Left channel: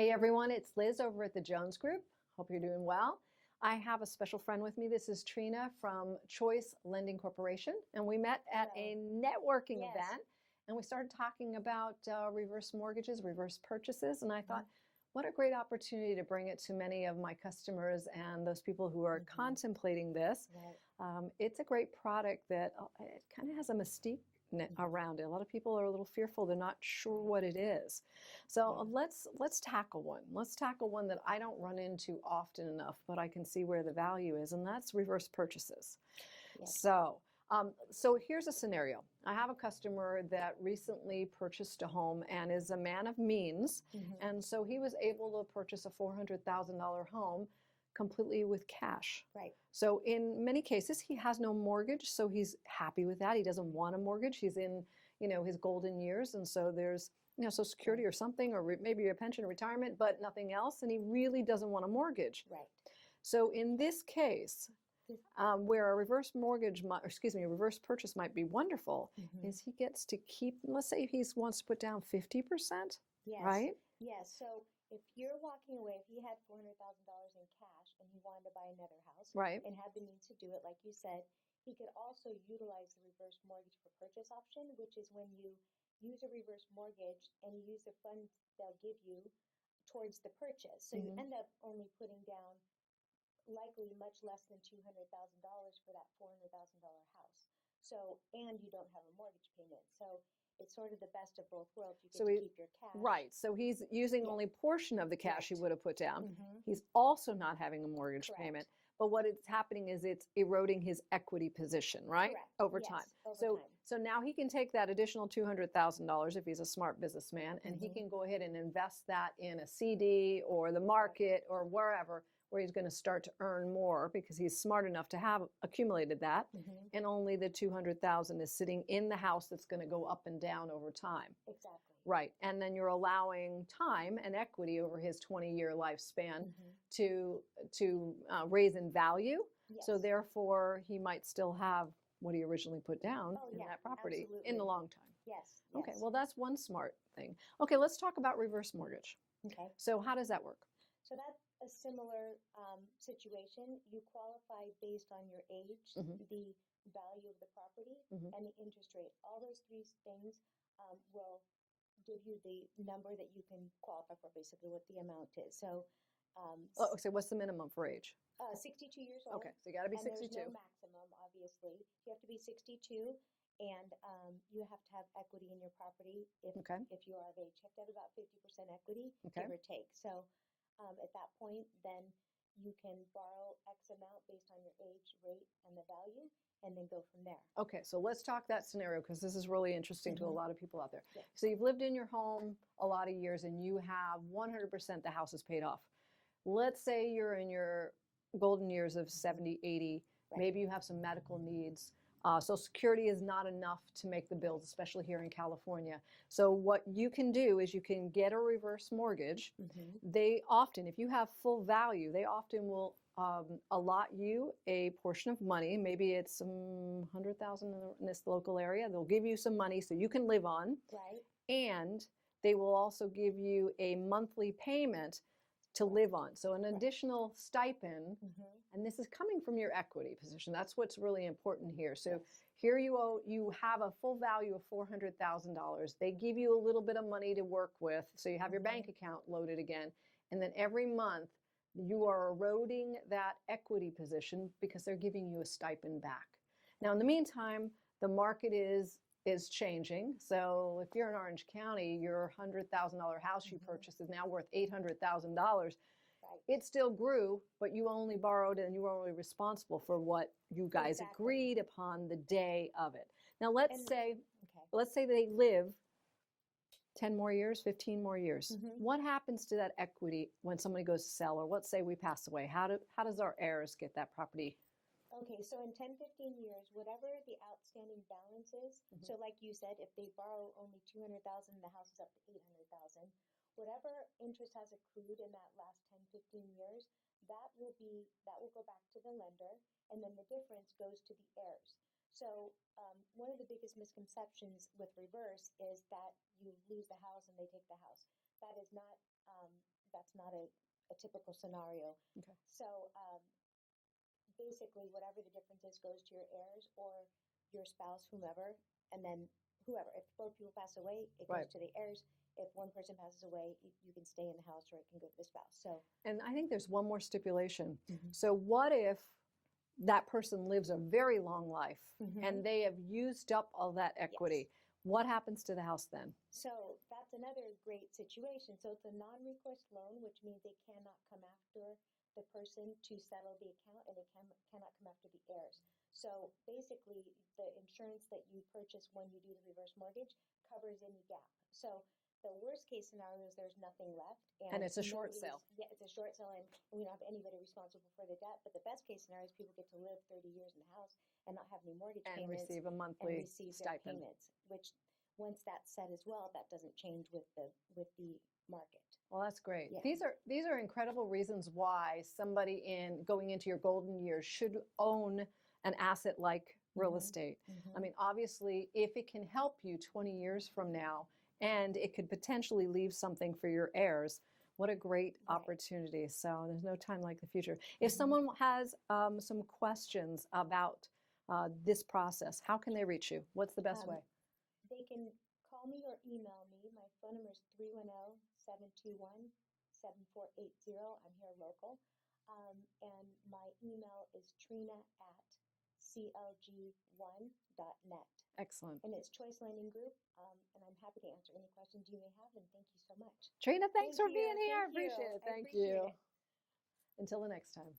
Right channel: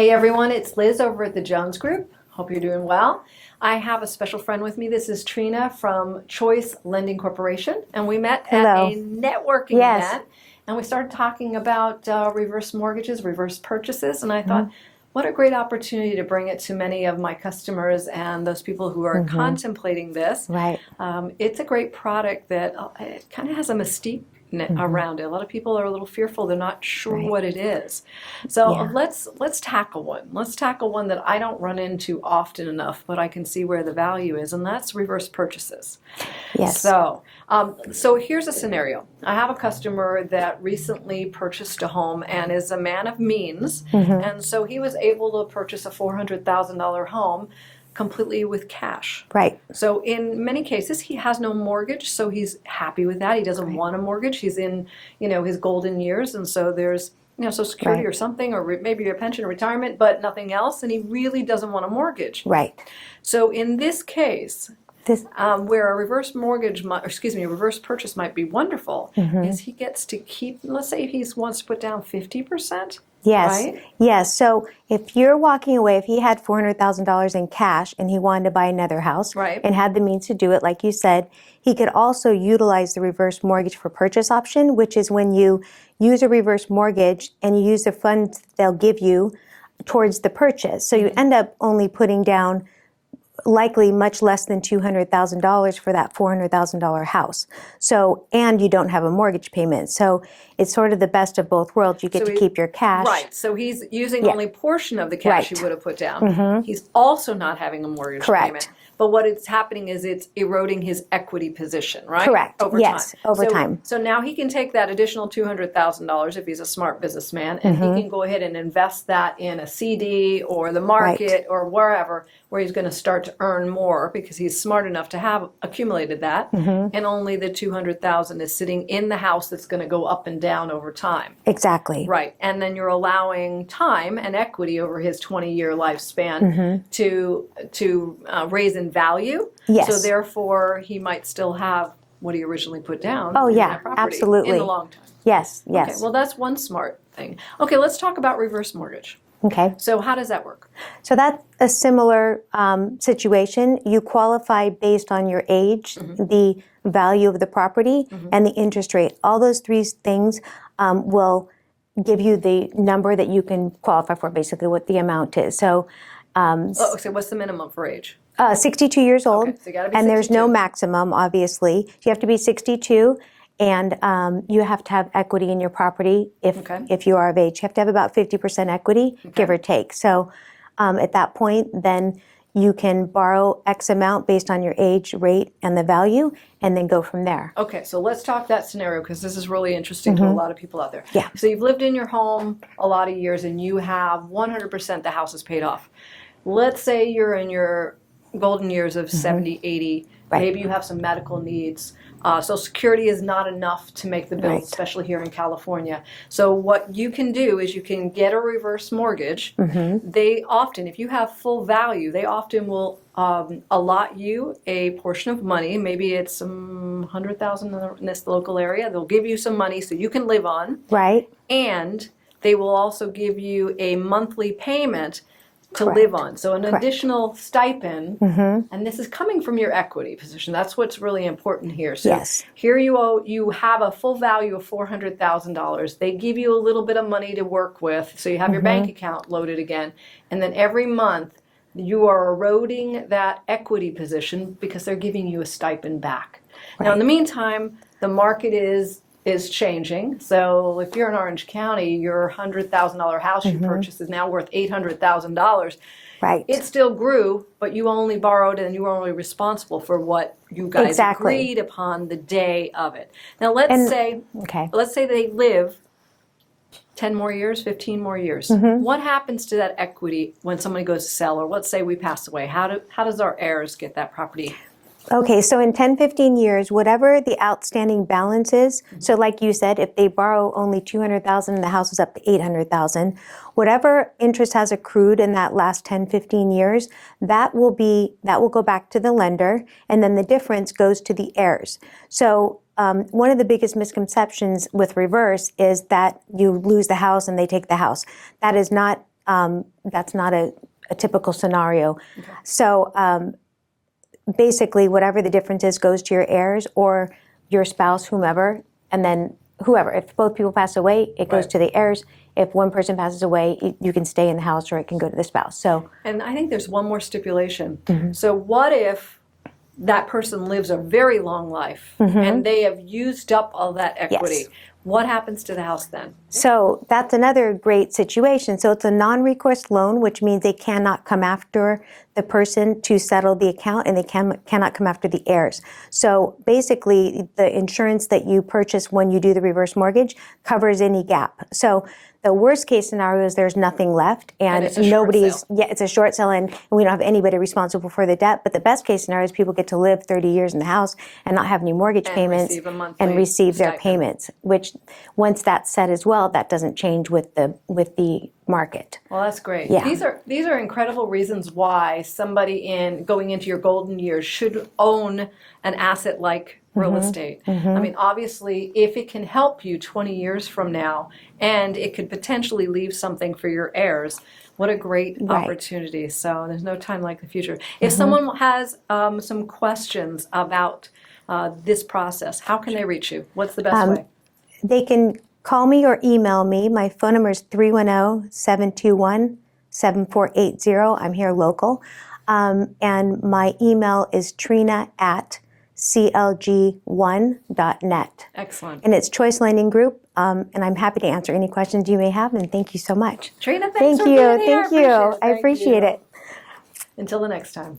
Hey everyone, it's Liz over at the Jones Group. Hope you're doing well. I have a special friend with me. This is Trina from Choice Lending Corporation, and we met at a networking event, and we started talking about reverse mortgages, reverse purchases, and I thought, what a great opportunity to bring it to many of my customers and those people who are contemplating this. Right. It's a great product that it kind of has a mystique around it. A lot of people are a little fearful. They're not sure what it is. So let's tackle one. Let's tackle one that I don't run into often enough, but I can see where the value is, and that's reverse purchases. Yes. So here's a scenario. I have a customer that recently purchased a home and is a man of means, and so he was able to purchase a $400,000 home completely with cash. Right. So in many cases, he has no mortgage, so he's happy with that. He doesn't want a mortgage. He's in, his golden years, and so there's, Social Security or something, or maybe a pension or retirement, but nothing else, and he really doesn't want a mortgage. Right. So in this case, where a reverse reverse purchase might be wonderful, is he gets to keep, let's say he wants to put down 50%. Yes. Right? Yes. So if you're walking away, if he had $400,000 in cash and he wanted to buy another house and had the means to do it, like you said, he could also utilize the reverse mortgage for purchase option, which is when you use a reverse mortgage and you use the funds they'll give you towards the purchase. So you end up only putting down likely much less than $200,000 for that $400,000 house. So, and you don't have a mortgage payment. So it's sort of the best of both worlds. You get to keep your cash. Right. So he's using only a portion of the cash he would have put down. He's also not having a mortgage payment. But what it's happening is it's eroding his equity position, right? Correct. Over time. Over so, time. So now he can take that additional $200,000 if he's a smart businessman, and he can go ahead and invest that in a CD or the market or wherever, where he's going to start to earn more because he's smart enough to have accumulated that, and only the $200,000 is sitting in the house that's going to go up and down over time. Exactly. Right. And then you're allowing time and equity over his 20-year lifespan to raise in value. Yes. So therefore, he might still have what he originally put down. Oh, in yeah, that property absolutely. In the long time. Yes, yes. Okay, well, that's one smart thing. Okay, let's talk about reverse mortgage. Okay. So how does that work? So that's a similar situation. You qualify based on your age, the value of the property, and the interest rate. All those three things will give you the number that you can qualify for, basically what the amount is. So, so what's the minimum for age? 62 years old, okay, so you gotta be and 62. There's no maximum, obviously. You have to be 62, and you have to have equity in your property if you are of age. You have to have about 50% equity, give or take. So at that point, then you can borrow X amount based on your age, rate, and the value, and then go from there. Okay, so let's talk that scenario because this is really interesting to a lot of people out there. Yeah. So you've lived in your home a lot of years and you have 100% the house is paid off. Let's say you're in your golden years of 70, 80, maybe you have some medical needs. Social Security is not enough to make the bills, especially here in California. So what you can do is you can get a reverse mortgage. They often, if you have full value, they often will allot you a portion of money. Maybe it's some $100,000 in this local area. They'll give you some money so you can live on. Right. And they will also give you a monthly payment to live on. So an additional stipend, and this is coming from your equity position. That's what's really important here. So here you have a full value of $400,000. They give you a little bit of money to work with, so you have your bank account loaded again, and then every month you are eroding that equity position because they're giving you a stipend back. Now in the meantime, the market is changing. So if you're in Orange County, your $100,000 house you purchased is now worth $800,000. Right. It still grew, but you only borrowed and you were only responsible for what you guys agreed upon the day of it. Now let's say they live 10 more years, 15 more years. What happens to that equity when somebody goes to sell, or let's say we pass away? How does our heirs get that property? Okay, so in 10, 15 years, whatever the outstanding balance is, so like you said, if they borrow only $200,000 and the house is up to $800,000, whatever interest has accrued in that last 10, 15 years, that will go back to the lender, and then the difference goes to the heirs. So one of the biggest misconceptions with reverse is that you lose the house and they take the house. That is not that's not a typical scenario. Okay. So basically, whatever the difference is goes to your heirs or your spouse, whomever, and then whoever. If both people pass away, it goes to the heirs. If one person passes away, you can stay in the house or it can go to the spouse. So, and I think there's one more stipulation. So what if that person lives a very long life and they have used up all that equity? Yes. What happens to the house then? So that's another great situation. So it's a non-recourse loan, which means they cannot come after the person to settle the account, and they cannot come after the heirs. So basically, the insurance that you purchase when you do the reverse mortgage covers any gap. So the worst case scenario is there's nothing left, and it's a short sale, and we don't have anybody responsible for the debt. But the best case scenario is people get to live 30 years in the house and not have any mortgage payments and receive their payments. Which, once that's set as well, that doesn't change with the market. Well, that's great. Yeah. These are incredible reasons why somebody going into your golden years should own an asset like real estate. I mean, obviously, if it can help you 20 years from now, and it could potentially leave something for your heirs, what a great opportunity. So there's no time like the future. If someone has some questions about this process, how can they reach you? What's the best way? They can call me or email me. My phone number is 310-721-7480. I'm here local. And my email is trina@clg1.net. Excellent. And it's Choice Lending Group, and I'm happy to answer any questions you may have, and thank you so much. Trina, thanks for being here. Thank you. I appreciate it. Until the next time.